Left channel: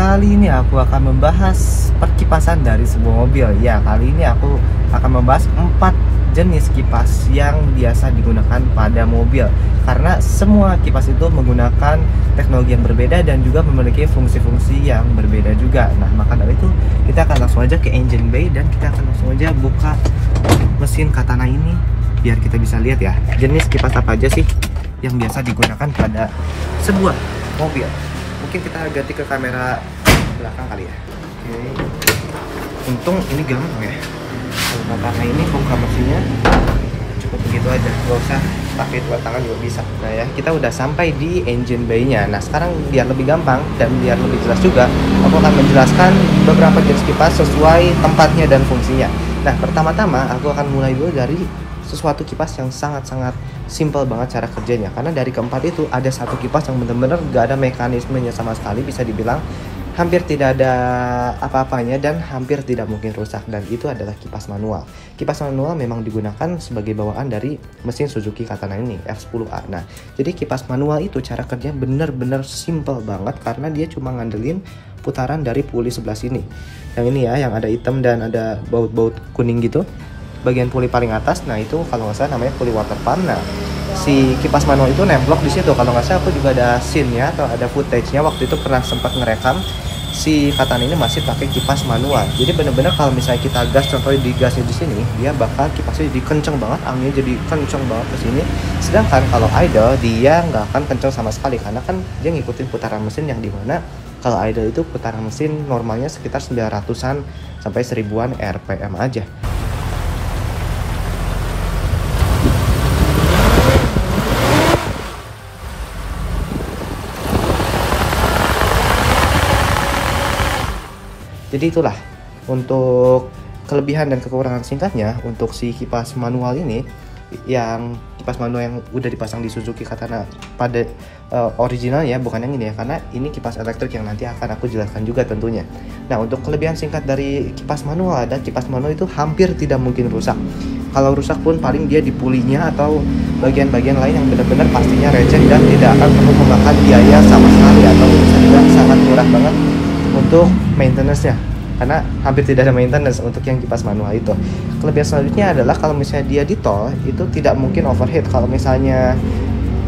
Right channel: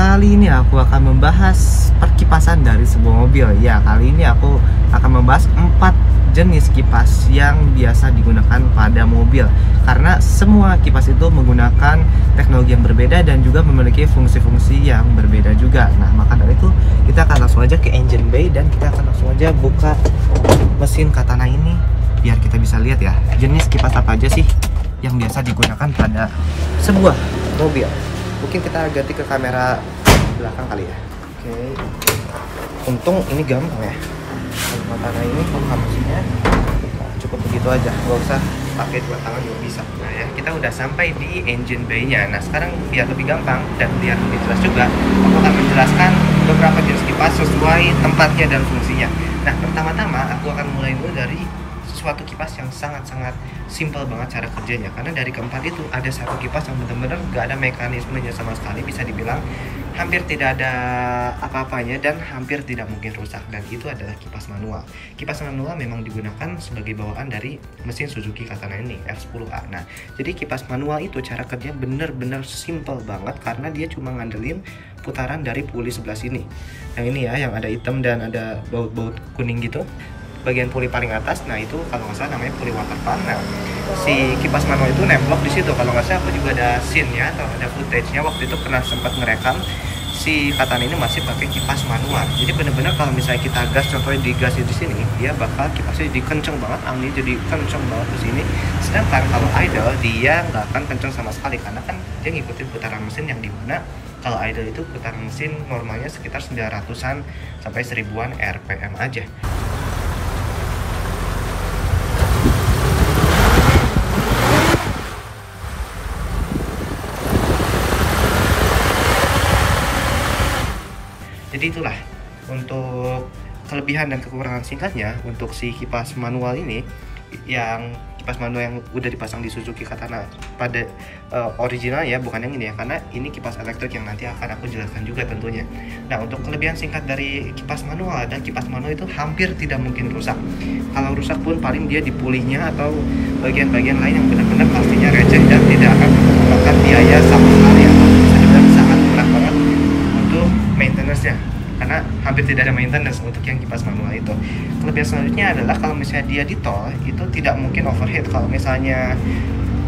Kali ini aku akan membahas perkipasan dari sebuah mobil. Ya, kali ini aku akan membahas 4 jenis kipas yang biasa digunakan pada mobil. Karena semua kipas itu menggunakan teknologi yang berbeda dan juga memiliki fungsi-fungsi yang berbeda juga. Nah, maka dari itu kita akan langsung aja ke engine bay dan kita akan langsung aja buka mesin Katana ini biar kita bisa lihat ya, jenis kipas apa aja sih yang biasa digunakan pada sebuah mobil. Mungkin kita ganti ke kamera belakang kali ya. Oke. Untung ini gampang ya. Kalau Katana ini buka mesinnya cukup begitu aja, nggak usah pakai dua tangan juga bisa. Nah ya, kita udah sampai di engine bay-nya. Nah sekarang biar lebih gampang dan biar lebih jelas juga, aku akan menjelaskan beberapa jenis kipas sesuai tempatnya dan fungsinya. Nah pertama-tama aku akan mulai dulu dari sesuatu kipas yang sangat-sangat simple banget cara kerjanya. Karena dari keempat itu ada satu kipas yang benar-benar gak ada mekanismenya sama sekali, bisa dibilang hampir tidak ada apa-apanya dan hampir tidak mungkin rusak, dan itu adalah kipas manual. Kipas manual memang digunakan sebagai bawaan dari mesin Suzuki Katana ini R10A. Nah, jadi kipas manual itu cara kerjanya benar-benar simple banget karena dia cuma ngandelin putaran dari puli sebelah sini. Yang ini ya, yang ada hitam dan ada baut-baut kuning gitu. Bagian puli paling atas, nah itu kalau nggak salah namanya puli water pump. Nah, si kipas manual itu nemblok di situ. Kalau nggak salah aku juga ada scene-nya atau ada footage-nya, waktu itu pernah sempat ngerekam si Katana ini masih pakai kipas manual. Jadi bener-bener kalau misalnya kita gas, contohnya digasnya di sini, dia bakal kipasnya jadi kenceng banget, anginnya jadi kenceng banget ke sini. Sedangkan kalau idle dia nggak akan kenceng sama sekali karena kan dia ngikutin putaran mesin, yang dimana kalau idle itu putaran mesin normalnya sekitar 900-an sampai 1000-an RPM aja. Jadi itulah untuk kelebihan dan kekurangan singkatnya untuk si kipas manual ini. Yang kipas manual yang udah dipasang di Suzuki Katana pada originalnya, bukan yang ini ya, karena ini kipas elektrik yang nanti akan aku jelaskan juga tentunya. Nah, untuk kelebihan singkat dari kipas manual, dan kipas manual itu hampir tidak mungkin rusak. Kalau rusak pun paling dia di pulinya atau bagian-bagian lain yang benar-benar pastinya receh dan tidak akan perlu memakan biaya sama sekali, atau bisa dibilang sangat murah banget untuk maintenance-nya, karena hampir tidak ada maintenance untuk yang kipas manual itu. Kelebihan selanjutnya adalah kalau misalnya dia di tol itu tidak mungkin overheat. Kalau misalnya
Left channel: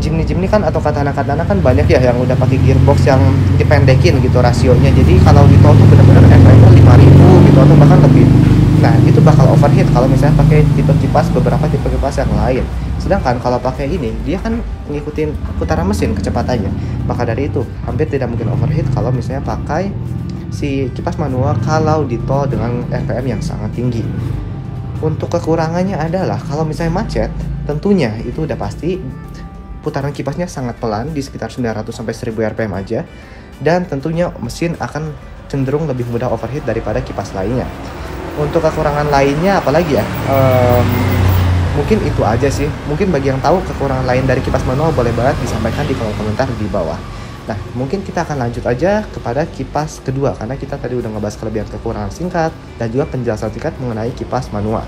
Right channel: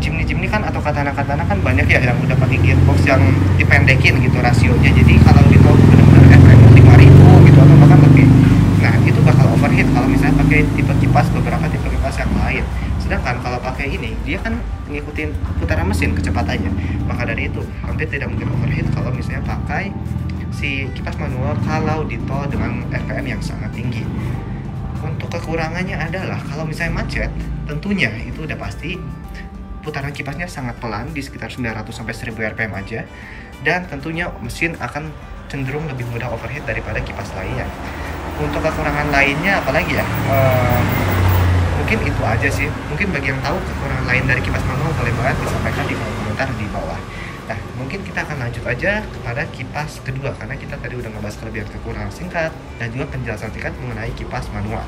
Jimny kan atau Katana kan banyak ya yang udah pakai gearbox yang dipendekin gitu rasionya, jadi kalau di tol benar-benar RPM 5000 gitu atau bahkan lebih. Nah itu bakal overheat kalau misalnya pakai beberapa tipe kipas yang lain. Sedangkan kalau pakai ini, dia kan ngikutin putaran mesin kecepatannya. Maka dari itu hampir tidak mungkin overheat kalau misalnya pakai si kipas manual kalau di tol dengan RPM yang sangat tinggi. Untuk kekurangannya adalah kalau misalnya macet, tentunya itu udah pasti putaran kipasnya sangat pelan di sekitar 900 sampai 1000 RPM aja, dan tentunya mesin akan cenderung lebih mudah overheat daripada kipas lainnya. Untuk kekurangan lainnya apalagi ya? Mungkin itu aja sih. Mungkin bagi yang tahu kekurangan lain dari kipas manual boleh banget disampaikan di kolom komentar di bawah. Nah, mungkin kita akan lanjut aja kepada kipas kedua, karena kita tadi udah ngebahas kelebihan kekurangan singkat dan juga penjelasan singkat mengenai kipas manual.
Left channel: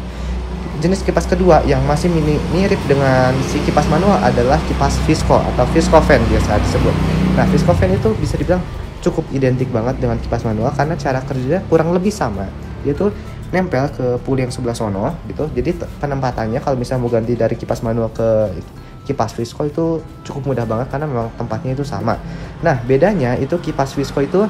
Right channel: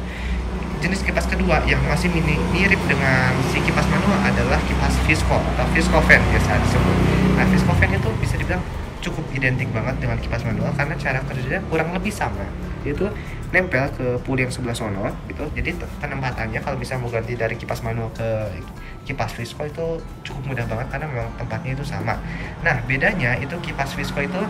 Jenis kipas kedua yang masih mirip dengan si kipas manual adalah kipas Visco atau Visco fan biasa disebut. Nah, Visco fan itu bisa dibilang cukup identik banget dengan kipas manual karena cara kerjanya kurang lebih sama. Dia tuh nempel ke puli yang sebelah sono gitu. Jadi penempatannya kalau misalnya mau ganti dari kipas manual ke kipas Visco itu cukup mudah banget karena memang tempatnya itu sama. Nah, bedanya itu kipas Visco itu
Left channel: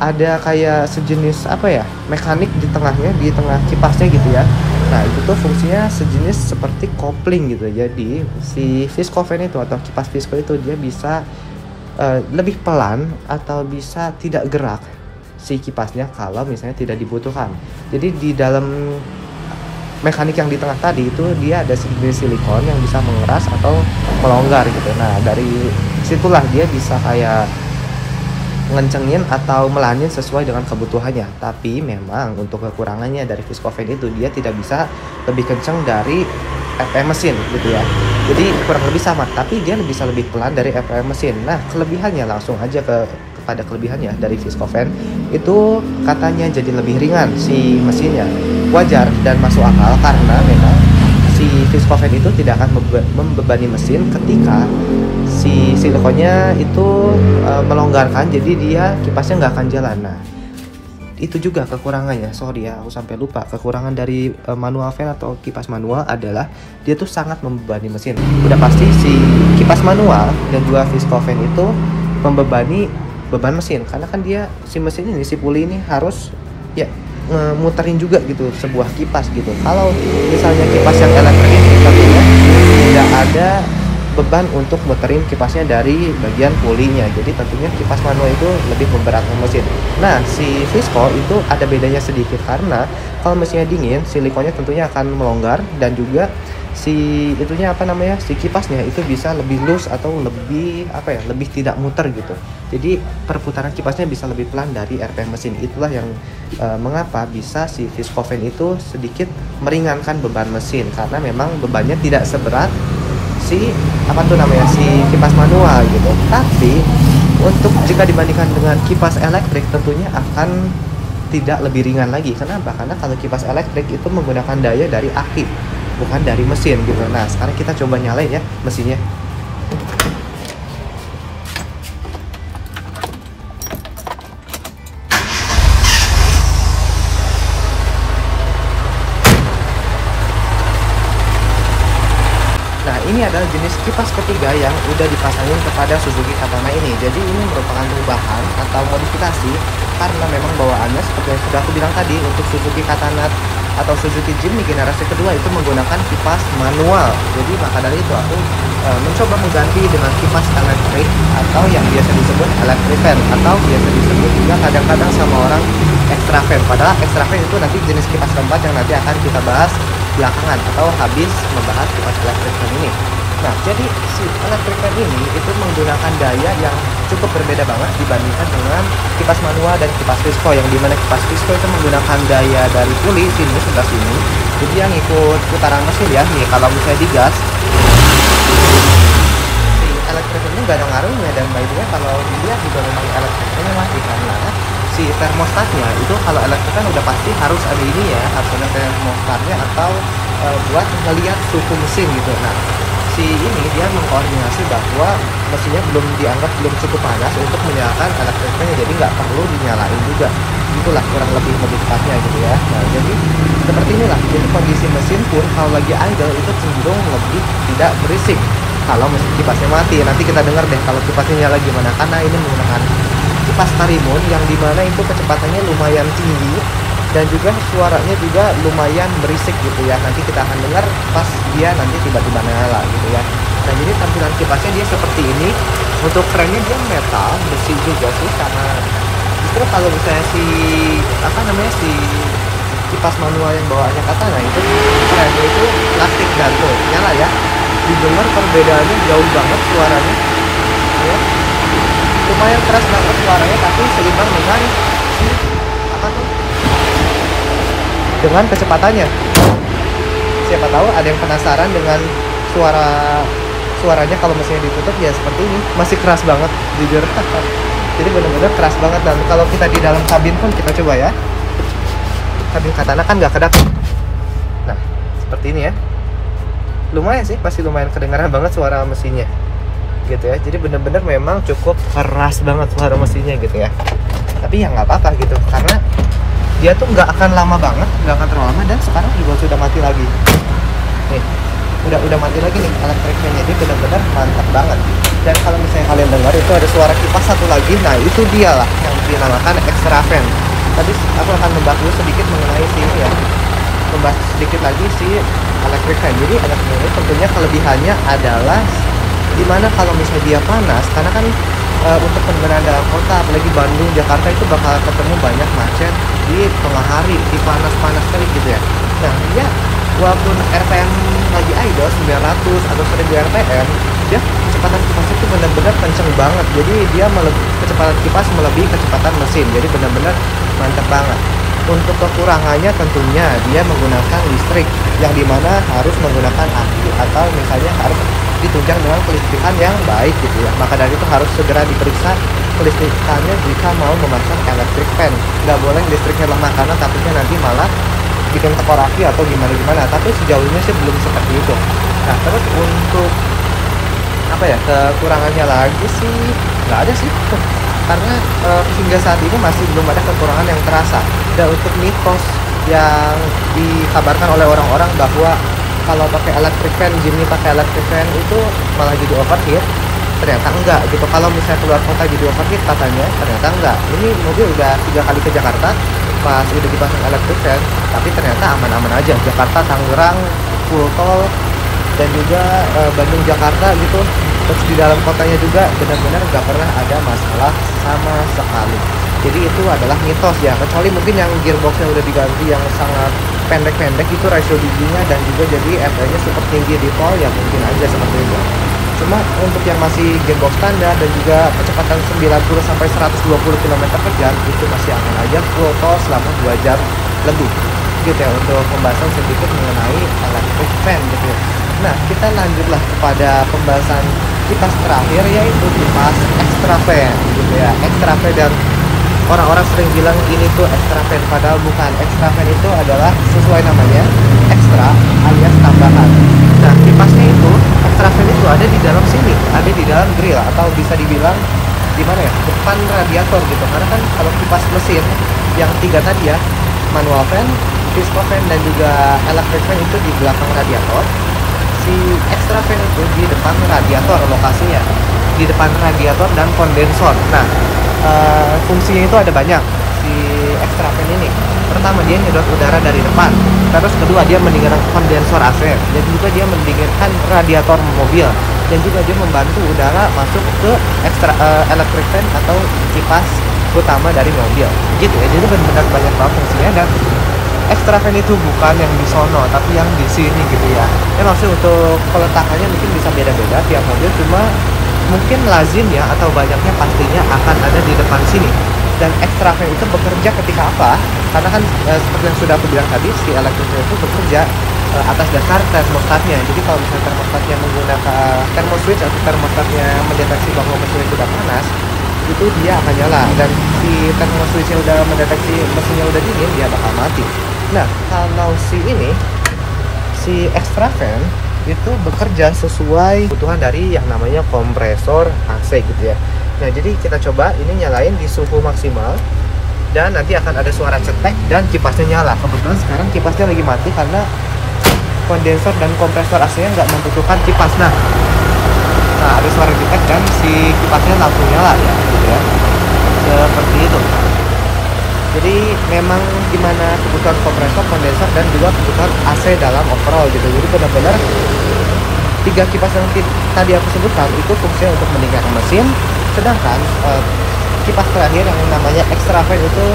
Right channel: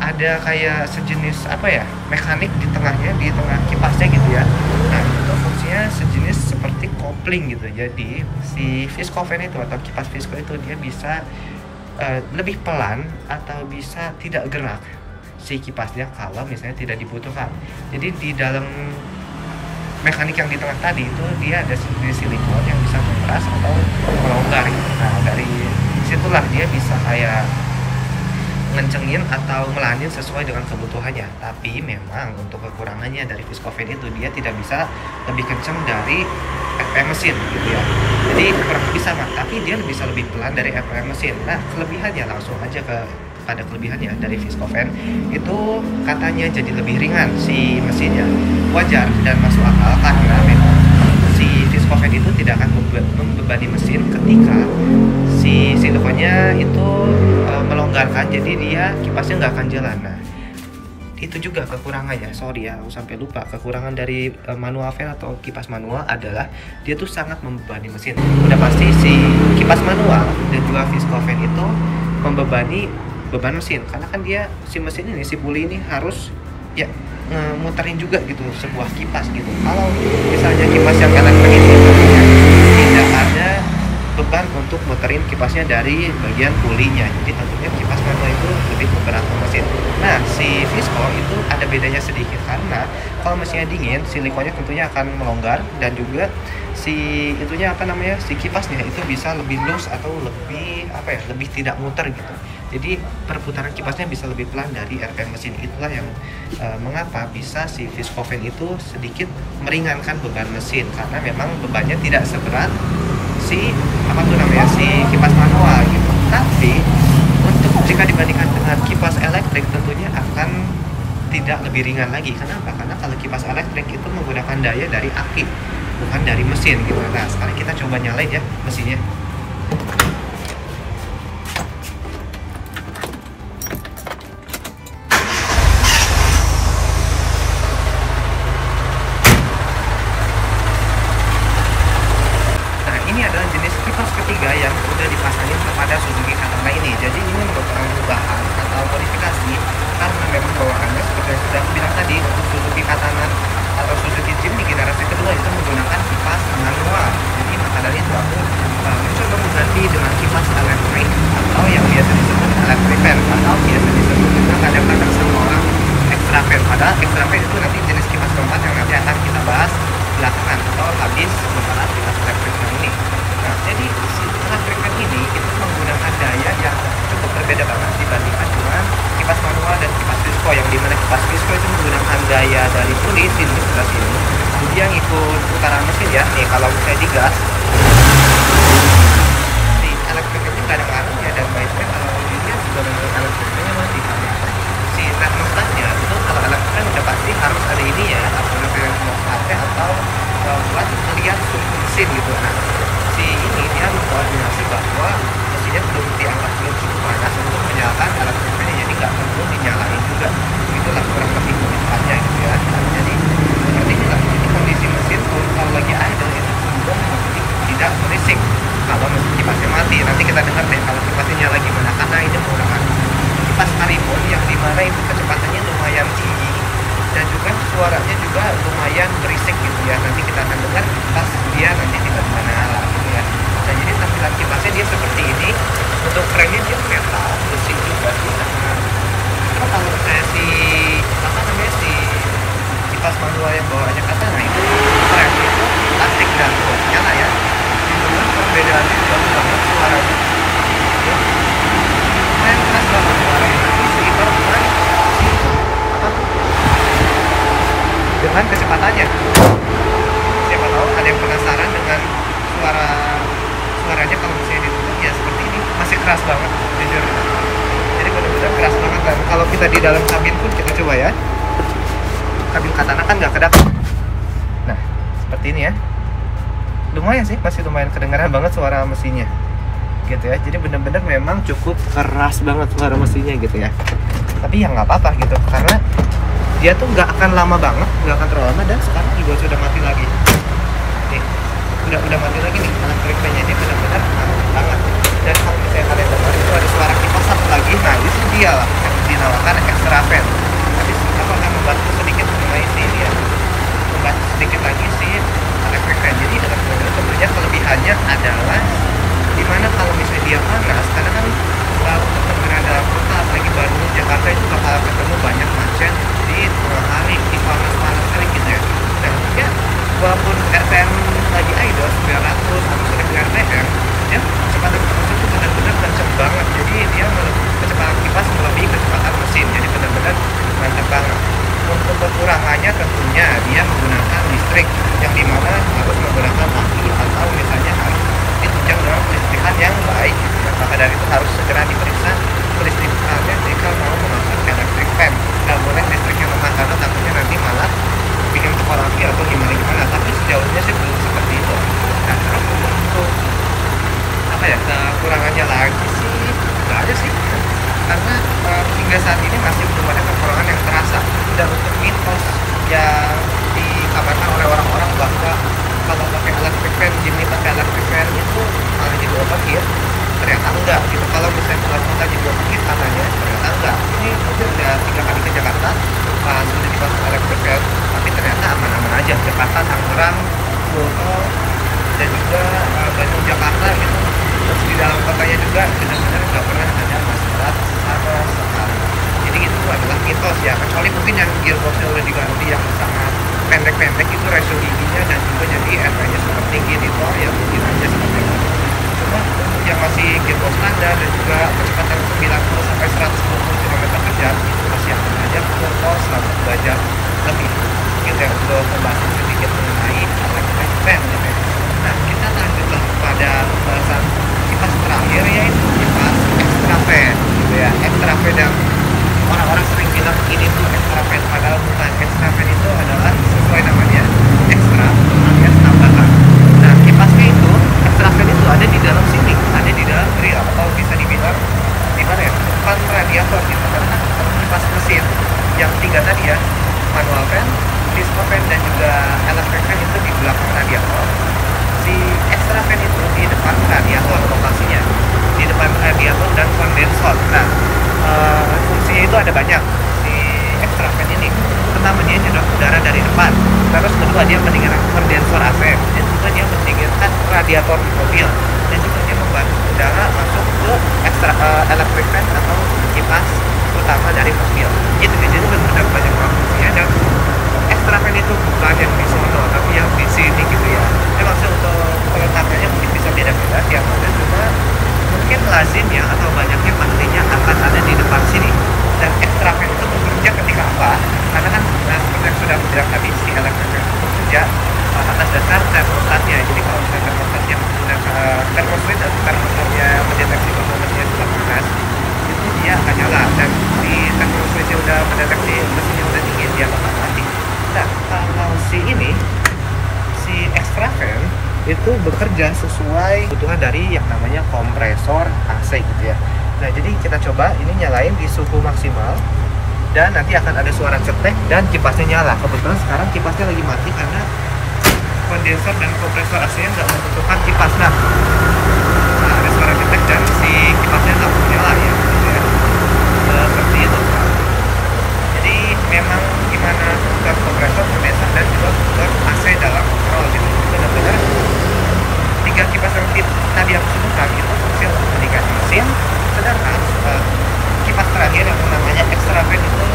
ada kayak sejenis apa ya, mekanik di tengahnya, di tengah kipasnya gitu ya. Nah, itu tuh fungsinya sejenis seperti kopling gitu. Jadi si Visco fan itu atau kipas Visco itu dia bisa lebih pelan atau bisa tidak gerak si kipasnya kalau misalnya tidak dibutuhkan. Jadi di dalam mekanik yang di tengah tadi itu dia ada jenis silikon yang bisa mengeras atau melonggar gitu. Nah, dari situlah dia bisa kayak ngencengin atau melanin sesuai dengan kebutuhannya. Tapi memang untuk kekurangannya dari Visco fan itu dia tidak bisa lebih kenceng dari RPM mesin gitu ya. Jadi kurang lebih sama, tapi dia bisa lebih pelan dari RPM mesin. Nah, kelebihannya langsung aja kepada kelebihannya dari Visco fan itu katanya jadi lebih ringan si mesinnya. Wajar dan masuk akal karena memang si si viscovan itu tidak akan membebani mesin ketika si silikonnya itu melonggarkan, jadi dia kipasnya nggak akan jalan. Nah, itu juga kekurangannya. Sorry ya, aku sampai lupa. Kekurangan dari manual fan atau kipas manual adalah dia tuh sangat membebani mesin. Udah pasti si kipas manual dan juga viscovan itu membebani beban mesin, karena kan dia si mesin ini, si puli ini harus ya muterin juga gitu sebuah kipas gitu. Kalau misalnya kipas yang elektrik itu tentunya tidak ada beban untuk muterin kipasnya dari bagian pulinya, jadi tentunya kipas manual itu lebih memberatkan mesin. Nah, si visco itu ada bedanya sedikit, karena kalau mesinnya dingin, silikonnya tentunya akan melonggar, dan juga si itunya si kipasnya itu bisa lebih loose atau lebih lebih tidak muter gitu. Jadi perputaran kipasnya bisa lebih pelan dari RPM mesin. Itulah yang mengapa bisa si viscovan itu sedikit meringankan beban mesin, karena memang bebannya tidak seberat si si kipas manual gitu. Tapi untuk jika dibandingkan dengan kipas elektrik tentunya akan tidak lebih ringan lagi. Kenapa? Karena kalau kipas elektrik itu menggunakan daya dari aki, bukan dari mesin gitu. Nah, sekarang kita coba nyalain ya mesinnya. Nah, ini adalah jenis kipas ketiga yang udah dipasangin kepada Suzuki Katana ini. Jadi ini merupakan perubahan atau modifikasi, karena memang bawaannya seperti yang sudah aku bilang tadi, untuk Suzuki Katana atau Suzuki Jimny generasi kedua itu menggunakan kipas manual. Jadi maka dari itu aku mencoba mengganti dengan kipas elektrik atau yang biasa disebut electric fan, atau biasa disebut juga kadang-kadang sama orang extra fan. Padahal extra fan itu nanti jenis kipas keempat yang nanti akan kita bahas belakangan atau habis membahas kipas elektrik ini. Nah, jadi si electric fan ini itu menggunakan daya yang cukup berbeda banget dibandingkan dengan kipas manual dan kipas visco, yang dimana kipas visco itu menggunakan daya dari puli sini sebelah sini, jadi yang ikut putaran mesin ya. Nih kalau misalnya digas, si elektrik ini nggak ada ngaruhnya, dan mainnya kalau dilihat juga memang elektriknya mati, karena si termostatnya itu kalau elektriknya udah pasti harus ada ini ya, harus ada termostatnya atau buat melihat suhu mesin gitu. Nah, si ini dia mengkoordinasi bahwa mesinnya dianggap belum cukup panas untuk menyalakan elektriknya, jadi nggak perlu dinyalain juga. Itulah kurang lebih modifikasinya gitu ya. Nah, jadi seperti inilah, jadi kondisi mesin pun kalau lagi idle itu cenderung lebih tidak berisik kalau mesin kipasnya mati. Nanti kita dengar deh kalau kipasnya nyala gimana, karena ini menggunakan kipas Karimun yang dimana itu kecepatannya lumayan tinggi dan juga suaranya juga lumayan berisik gitu ya. Nanti kita akan dengar pas dia nanti tiba-tiba nyala gitu ya. Nah, jadi tampilan kipasnya dia seperti ini. Untuk cranknya dia metal, besi juga sih, karena justru kalau misalnya si kipas manual yang bawaannya Katana itu cranknya itu plastik dago, nyala ya. Didengar perbedaannya jauh banget suaranya ya. Lumayan keras banget suaranya, tapi seimbang dengan dengan kecepatannya. Siapa tahu ada yang penasaran dengan suaranya kalau mesinnya ditutup ya seperti ini, masih keras banget jujur. Jadi benar-benar keras banget. Dan kalau kita di dalam kabin pun kita coba ya, kabin Katana kan nggak kedap. Nah, seperti ini ya, lumayan sih, masih lumayan kedengaran banget suara mesinnya gitu ya. Jadi benar-benar memang cukup keras banget suara mesinnya gitu ya. Tapi ya nggak apa-apa gitu, karena dia tuh nggak akan lama banget, nggak akan terlalu lama, dan sekarang juga sudah mati lagi. Nih, udah mati lagi nih electric fan-nya, dia benar-benar mantap banget. Dan kalau misalnya kalian dengar itu ada suara kipas satu lagi, nah itu dia lah yang dinamakan extra fan. Tapi aku akan membahas dulu sedikit mengenai si ya, membahas sedikit lagi si electric fan. Jadi electric fan itu tentunya kelebihannya adalah dimana kalau misalnya dia panas, karena kan untuk perjalanan dalam kota, apalagi Bandung, Jakarta itu bakal ketemu banyak macet di tengah hari, di panas-panas kali gitu ya. Nah, ya walaupun RPM lagi idle 900 atau 1000 RPM, dia kecepatan kipasnya itu benar-benar kenceng banget. Jadi dia kecepatan kipas melebihi kecepatan mesin. Jadi benar-benar mantap banget. Untuk kekurangannya tentunya dia menggunakan listrik, yang dimana harus menggunakan aki atau misalnya harus ditunjang dengan kelistrikan yang baik gitu ya. Maka dari itu harus segera diperiksa kelistrikannya jika mau memakai electric fan. Nggak boleh listriknya lemah, karena takutnya nanti malah bikin tekor aki atau gimana, tapi sejauh ini sih belum seperti itu. Nah terus untuk apa ya, kekurangannya lagi sih nggak ada sih karena hingga saat ini masih belum ada kekurangan yang terasa. Dan untuk mitos yang dikabarkan oleh orang-orang bahwa kalau pakai electric fan, Jimny pakai electric fan itu malah jadi obat ya, ternyata enggak gitu. Kalau misalnya keluar kota jadi obat gitu katanya, ternyata enggak. Ini mobil udah 3 kali ke Jakarta pas udah dipasang electric fan, tapi ternyata aman-aman aja. Jakarta, Tangerang, full tol, dan juga Bandung, Jakarta gitu. Terus di dalam kotanya juga benar-benar nggak pernah ada masalah sama sekali. Jadi itu adalah mitos ya, kecuali mungkin yang gearboxnya udah diganti yang sangat pendek-pendek itu ratio giginya dan juga jadi RPM-nya super tinggi di tol ya, mungkin aja seperti itu. Cuma untuk yang masih gearbox standar dan juga kecepatan 90 sampai 120 km per jam itu masih aman aja full tol selama 2 jam lebih gitu ya, untuk pembahasan sedikit mengenai electric fan gitu ya. Nah kita lanjutlah kepada pembahasan kipas terakhir, yaitu kipas extra fan gitu ya. Extra fan, dan orang-orang sering bilang ini tuh extra fan, padahal bukan. Extra fan itu adalah sesuai namanya extra alias tambahan. Nah kipasnya itu extra fan itu ada di dalam sini, ada di dalam grill atau bisa dibilang di mana ya, depan radiator gitu. Karena kan kalau kipas mesin yang 3 tadi ya, manual fan, piston fan, dan juga electric fan itu di belakang radiator. Si extra fan itu di depan radiator lokasinya, di depan radiator dan kondensor. Nah fungsinya itu ada banyak si extra fan ini. Pertama, dia nyedot udara dari depan. Terus kedua, dia mendinginkan kondensor AC, dan juga dia mendinginkan radiator mobil, dan juga dia membantu udara masuk ke electric fan atau kipas utama dari mobil gitu ya. Jadi benar-benar banyak banget fungsinya. Dan extra fan itu bukan yang di sono tapi yang di sini gitu ya. Maksud untuk peletakannya mungkin bisa beda-beda tiap mobil, cuma mungkin lazim ya atau banyaknya pastinya akan ada di depan sini. Dan extra fan itu bekerja ketika apa? Karena kan seperti yang sudah aku bilang tadi, si electric fan itu bekerja atas dasar termostatnya. Jadi kalau termostatnya menggunakan thermo switch atau termostatnya mendeteksi bahwa mesinnya sudah panas, itu dia akan nyala. Dan si thermo switchnya udah mendeteksi mesinnya udah dingin, dia bakal mati. Nah kalau si extra fan itu bekerja sesuai kebutuhan dari yang namanya kompresor AC gitu ya. Nah jadi kita coba ini nyalain di suhu maksimal, dan nanti akan ada suara cetek dan kipasnya nyala. Kebetulan sekarang kipasnya lagi mati karena kondensor dan kompresor AC-nya nggak membutuhkan kipas. Nah ada suara cetek dan si kipasnya langsung nyala ya. Seperti itu. Jadi memang gimana kebutuhan kompresor, kondensor, dan juga kebutuhan AC dalam overall gitu. Jadi benar-benar 3 kipas yang tadi aku sebutkan itu fungsinya untuk mendinginkan mesin, sedangkan kipas terakhir yang namanya extra fan itu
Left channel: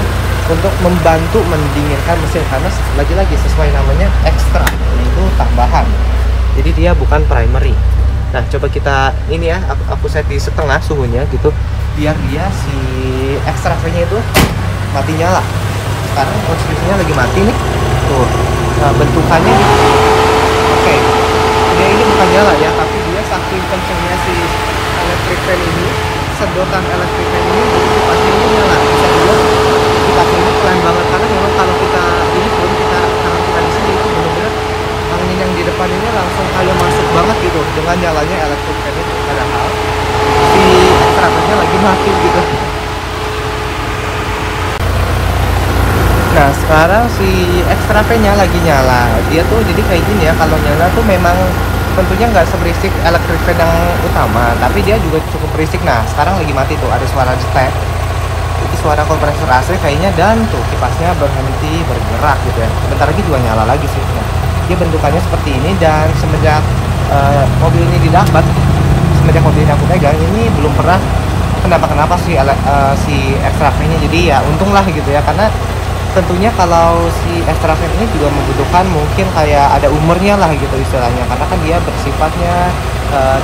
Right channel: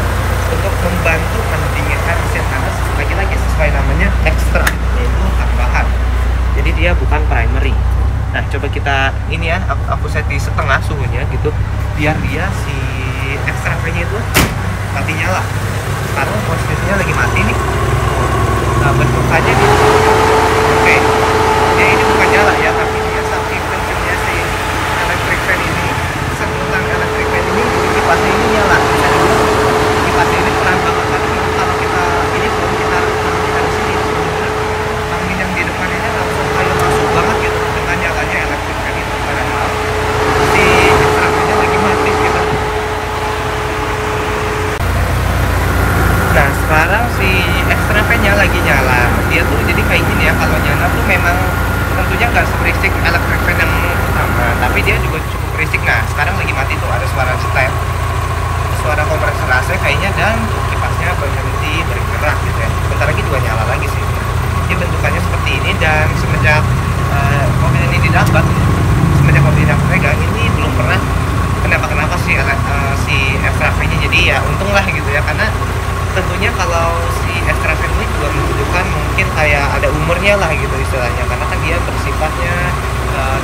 untuk membantu mendinginkan mesin, karena lagi-lagi sesuai namanya extra, itu tambahan. Jadi dia bukan primary. Nah coba kita ini ya, aku set di setengah suhunya gitu, biar dia si extra fan-nya itu mati nyala. Sekarang posisinya lagi mati nih tuh. Nah, bentukannya oke. Ini bukan nyala ya, tapi dia saking kencengnya si electric fan ini, sedotan electric fan ini, kipasnya ini nyala. Dan dia kipasnya ini keren banget, karena memang kalau kita ini pun kita di sini benar-benar angin yang di depan ini langsung kayak masuk banget gitu dengan nyalanya electric fan ini, padahal si kerannya lagi mati gitu. Nah sekarang si extra fan-nya lagi nyala. Dia tuh jadi kayak gini ya, kalau nyala tuh memang tentunya nggak seberisik electric fan yang utama, tapi dia juga cukup berisik. Nah sekarang lagi mati tuh, ada suara cetek, itu suara kompresor AC kayaknya, dan tuh kipasnya berhenti bergerak gitu ya. Bentar lagi juga nyala lagi sih ya. Dia bentukannya seperti ini, dan semenjak mobil ini didapat, semenjak mobil ini aku pegang, ini belum pernah kenapa si extra fan-nya. Jadi ya untung lah gitu ya, karena tentunya kalau si extra fan ini juga membutuhkan mungkin kayak ada umurnya lah gitu istilahnya, karena kan dia bersifatnya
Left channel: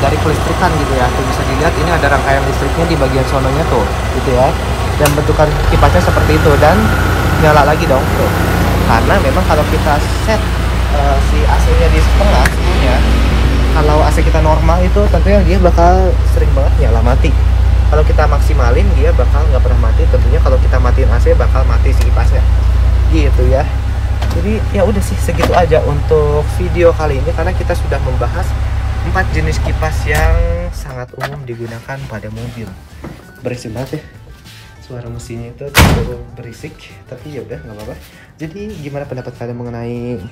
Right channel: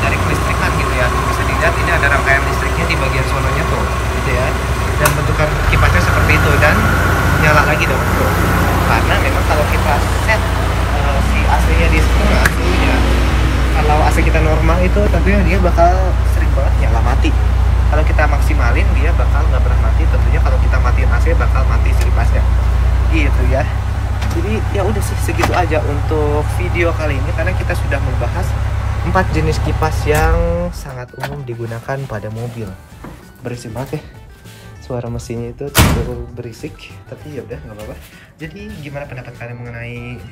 dari kelistrikan gitu ya. Tuh bisa dilihat ini ada rangkaian listriknya di bagian sononya tuh gitu ya, dan bentukan kipasnya seperti itu, dan nyala lagi dong. Karena memang kalau kita set si AC-nya di setengah suhunya, kalau AC kita normal itu tentunya dia bakal sering banget nyala mati. Kalau kita maksimalin dia bakal nggak pernah mati. Tentunya kalau kita matiin AC bakal mati si kipasnya gitu ya. Jadi Jadi ya udah sih, segitu aja untuk video kali ini, karena kita sudah membahas 4 jenis kipas yang sangat umum digunakan pada mobil. Berisik banget ya, suara mesinnya itu cukup berisik, tapi ya udah nggak apa-apa. Jadi gimana pendapat kalian mengenai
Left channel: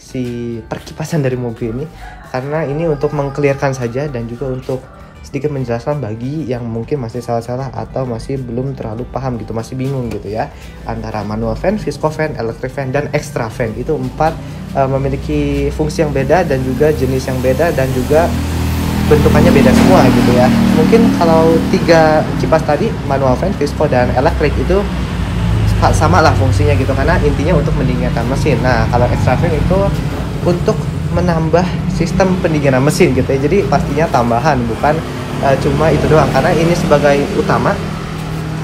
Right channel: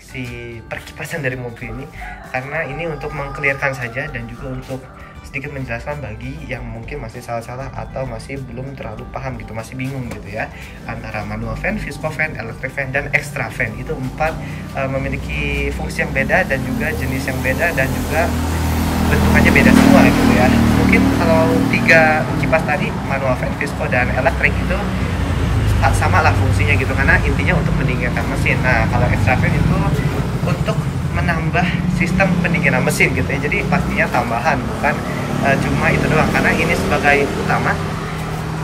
si perkipasan dari mobil ini? Karena ini untuk mengclearkan saja dan juga untuk sedikit menjelaskan bagi yang mungkin masih salah-salah atau masih belum terlalu paham gitu, masih bingung gitu ya, antara manual fan, visco fan, electric fan, dan extra fan. Itu 4 memiliki fungsi yang beda dan juga jenis yang beda dan juga bentukannya beda semua gitu ya. Mungkin kalau 3 kipas tadi, manual fan, visco, dan electric, itu sama lah fungsinya gitu, karena intinya untuk mendinginkan mesin. Nah kalau extra fan itu untuk menambah sistem pendinginan mesin gitu ya, jadi pastinya tambahan, bukan cuma itu doang, karena ini sebagai utama,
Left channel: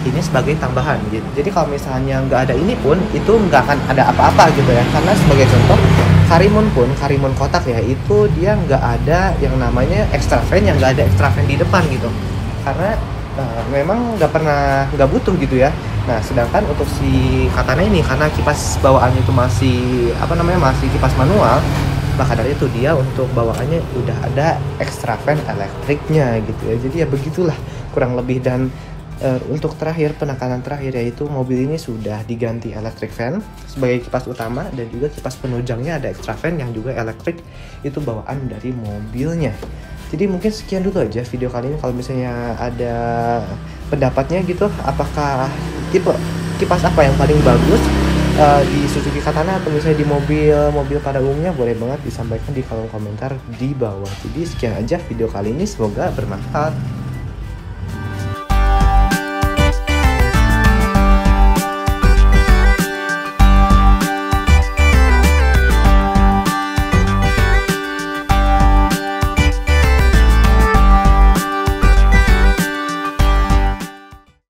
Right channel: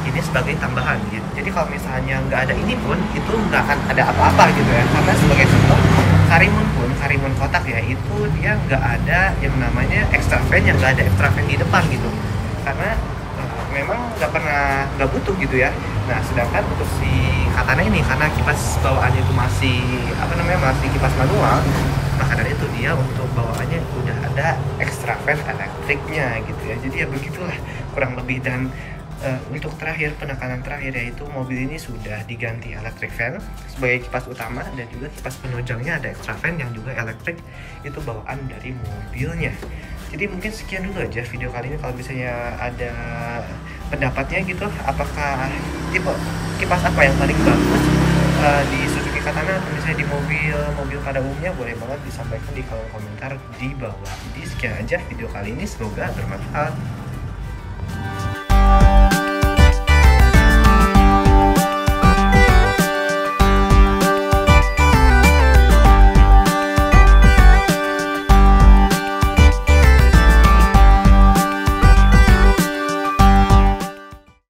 ini sebagai tambahan gitu. Jadi kalau misalnya nggak ada ini pun itu nggak akan ada apa-apa gitu ya, karena sebagai contoh Karimun kotak ya, itu dia nggak ada yang namanya extra fan, yang nggak ada extra fan di depan gitu, karena memang nggak butuh gitu ya. Nah sedangkan untuk si Katana ini, karena kipas bawaannya itu masih masih kipas manual, maka dari itu dia untuk bawaannya udah ada extra fan elektriknya gitu ya. Jadi ya begitulah kurang lebih. Dan untuk penekanan terakhir yaitu mobil ini sudah diganti electric fan sebagai kipas utama, dan juga kipas penunjangnya ada extra fan yang juga elektrik, itu bawaan dari mobilnya. Jadi mungkin sekian dulu aja video kali ini. Kalau misalnya ada pendapatnya gitu, apakah tipe kipas apa yang paling bagus di Suzuki Katana atau misalnya di mobil pada umumnya, boleh banget disampaikan di kolom komentar di bawah. Jadi sekian aja video kali ini, semoga bermanfaat.